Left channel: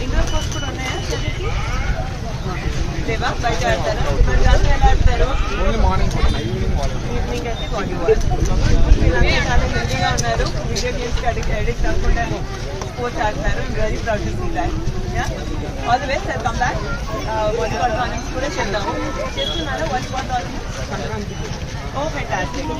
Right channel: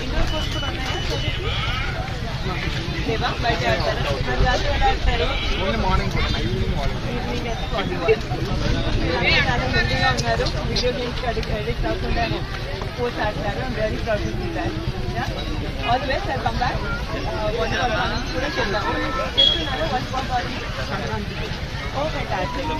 indoor course కూడా ఉన్నాయా లేవా బయట ఆడతారా మరి రాత్రి ఎలా ఆడతారు ఈవినింగ్ అయితే వాలీబాల్ మీరు చాలా హెల్దీగా ఉన్నారు వీడియో గేమ్స్కి అడిక్ట్ కాకుండా స్పోర్ట్స్ ఆడతారు I'm very proud to see that all the best I come back volleyball tournaments కూడా చేద్దాము చేస్తున్నాను వాలీబాల్ టోర్నమెంట్ ఓ ఫ్యాంటాస్టిక్